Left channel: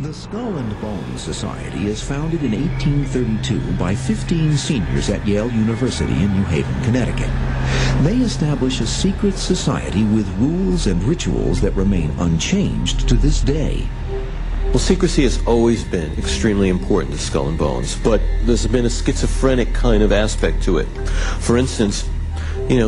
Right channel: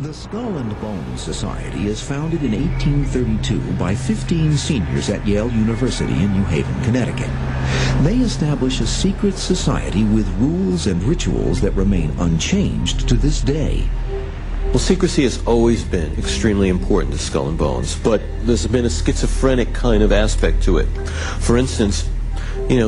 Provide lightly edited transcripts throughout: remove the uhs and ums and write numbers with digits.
The Skull and Bones Society is founded in 1832 by 15 seniors at Yale University in New Haven, Connecticut. They establish a secret society with rules and rituals that remain unchanged to this day. Well, secrecy has always been extremely important to Skull and Bones, but there's been a schizophrenic kind of aspect to it. For instance,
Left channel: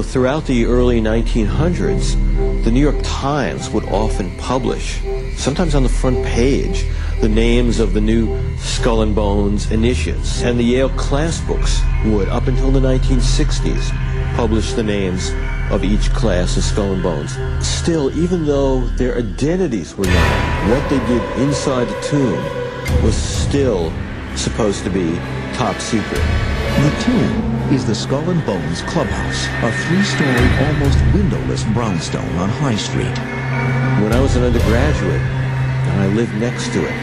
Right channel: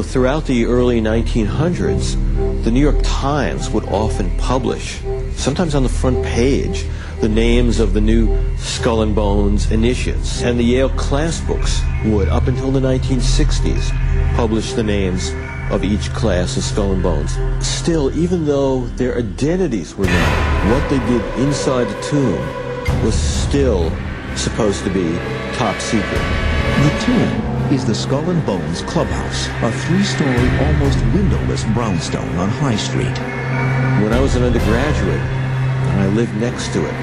throughout the early 1900s, the New York Times would often publish, sometimes on the front page, the names of the new Skull and Bones initiates. And the Yale class books would, up until the 1960s, publish the names of each class of Skull and Bones. Still, even though their identities were known, what they did inside the tomb was still supposed to be top secret. The tomb is the Skull and Bones Clubhouse, a 3-story, almost windowless brownstone on High Street. When I was an undergraduate, and I lived next to it,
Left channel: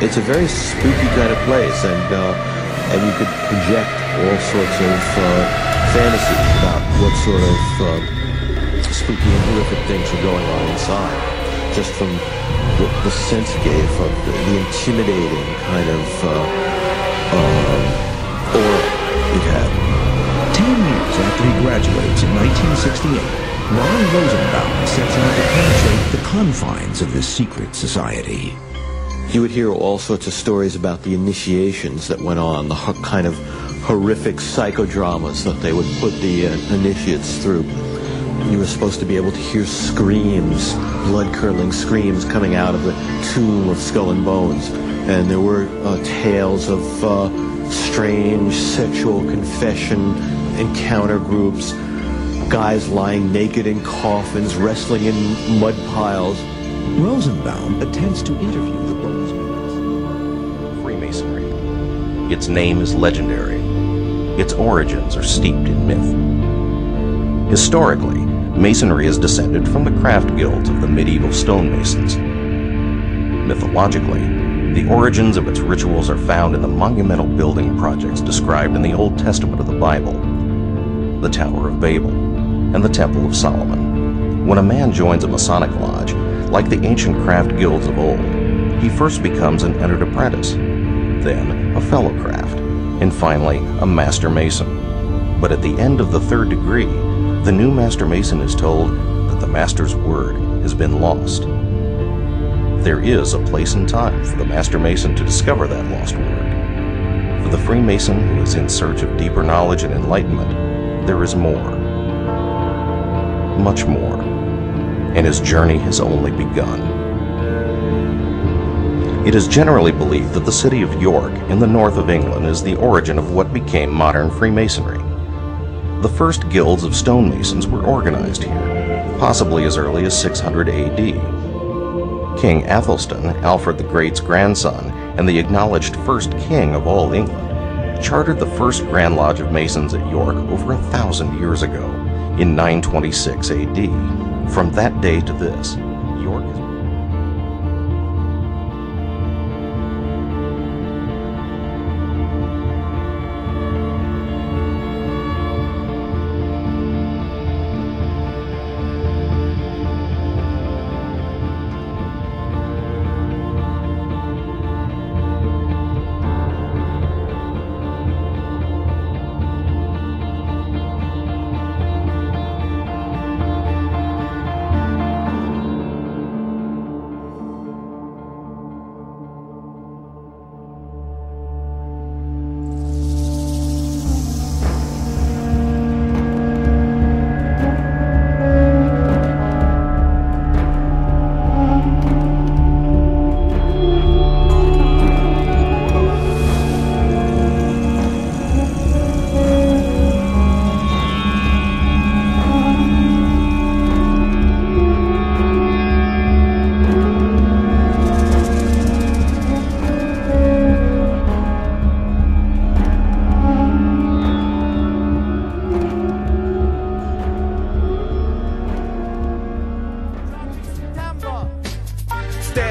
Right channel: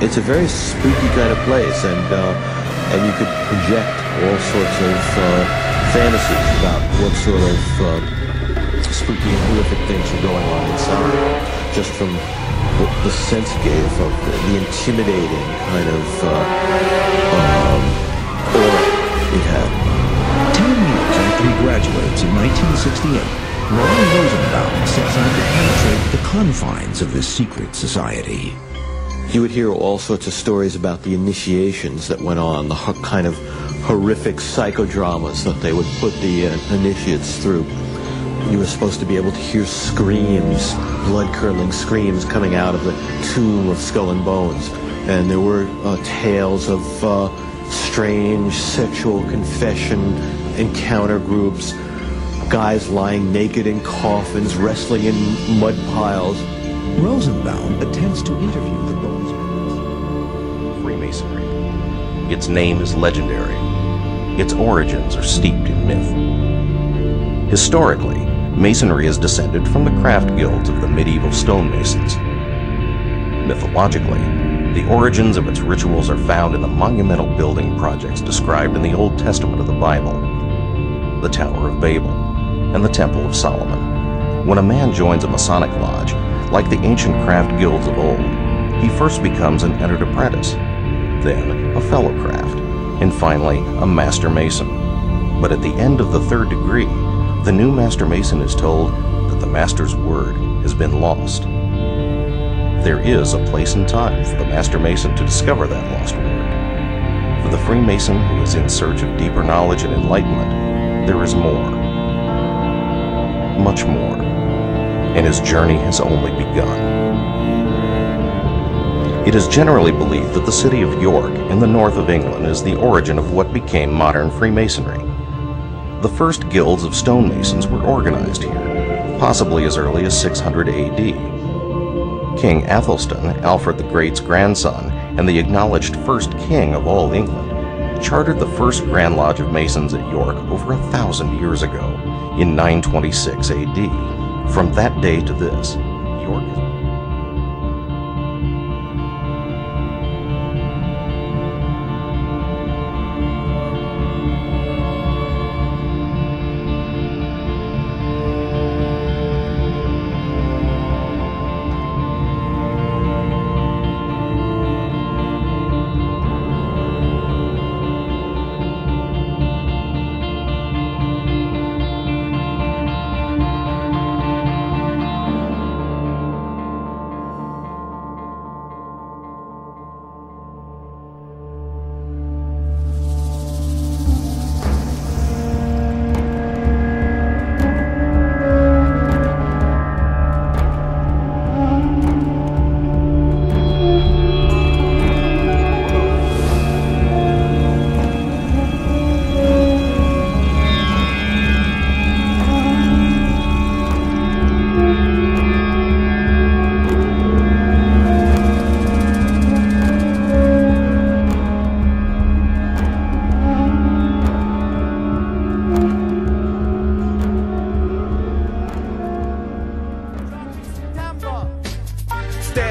it's a very spooky kind of place, and you could project all sorts of fantasies about what sort of spooky and horrific things were going on inside, just from the sense it gave of the intimidating kind of aura it had. 10 years after he graduates in 1968, Ron Rosenbaum sets out to penetrate the confines of this secret society. You would hear all sorts of stories about the initiations that went on, the kind of horrific psychodramas that they would put the initiates through. You were supposed to be able to hear screams, blood-curdling screams coming out of the tomb of Skull and Bones. And there were tales of strange sexual confession encounter groups, guys lying naked in coffins, wrestling in mud piles. Rosenbaum attempts to interview the Bones members. Freemasonry. Its name is legendary. Its origins are steeped in myth. Historically, Masonry is descended from the craft guilds of the medieval stonemasons. Mythologically, the origins of its rituals are found in the monumental building projects described in the Old Testament of the Bible, the Tower of Babel, and the Temple of Solomon. When a man joins a Masonic lodge, like the ancient craft guilds of old, he first becomes an entered apprentice, then a fellow craft, and finally a master mason. But at the end of the 3rd degree, the new master mason is told that the master's word has been lost. There is a place and time for the master mason to discover that lost word. For the Freemason who is in search of deeper knowledge and enlightenment, there is more. Much more. And his journey has only begun. It is generally believed that the city of York in the north of England is the origin of what became modern Freemasonry. The first guilds of stonemasons were organized here, possibly as early as 600 AD. King Athelstan, Alfred the Great's grandson and the acknowledged first king of all England, chartered the first Grand Lodge of Masons at York over 1,000 years ago, in 926 AD. From that day to this, York is...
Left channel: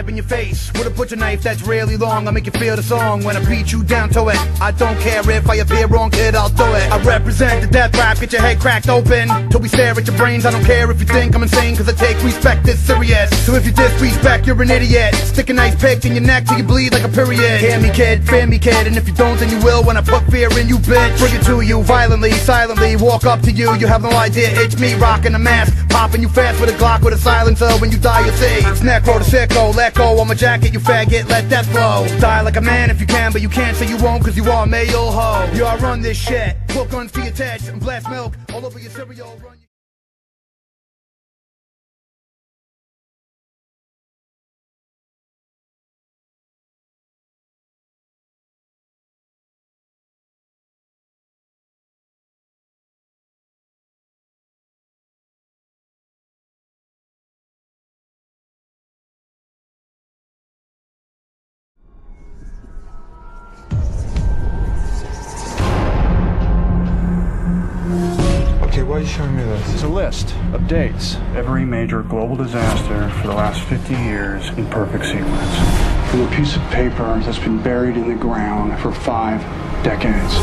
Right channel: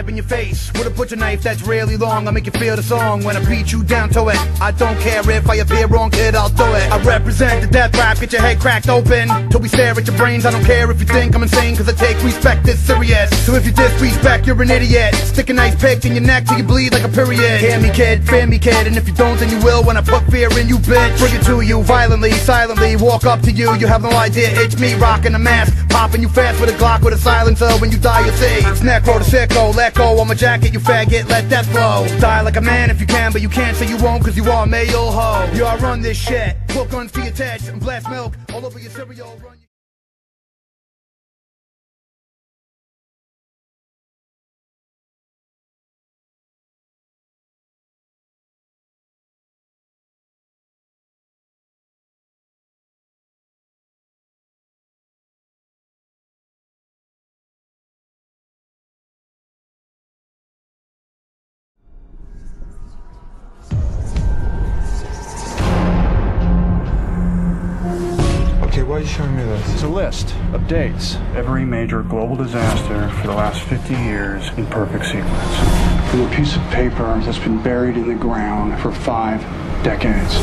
jab in your face with a butcher knife that's really long. I'll make you feel the song when I beat you down to it. I don't care if I appear wrong, kid, I'll do it. I represent the death rap, get your head cracked open till we stare at your brains. I don't care if you think I'm insane, cause I take respect this serious. So if you disrespect, you're an idiot. Stick a nice pick in your neck till you bleed like a period. Hear me, kid, fear me, kid, and if you don't, then you will when I put fear in you, bitch. Bring it to you violently, silently, walk up to you. You have no idea, it's me rocking a mask, popping you fast with a Glock with a silencer. When you die, you'll see it's necro to sicko. Let go on my jacket, you faggot, let that flow. Die like a man if you can, but you can't say you won't, cause you are a male hoe. You all run this shit, put guns to your tits and blast milk all over your cereal. Run Why are you showing me this? It's a list of dates. Every major global disaster for the last 50 years in perfect sequence. From a piece of paper that's been buried in the ground for 5 decades.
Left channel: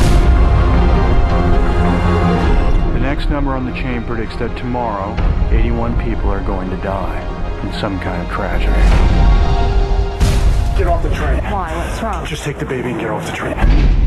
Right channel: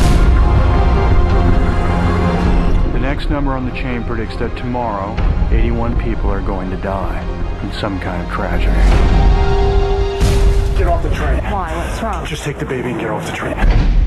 The next number on the chain predicts that tomorrow, 81 people are going to die in some kind of tragedy. Get off the train. Why? What's wrong? Just take the baby and get off the train.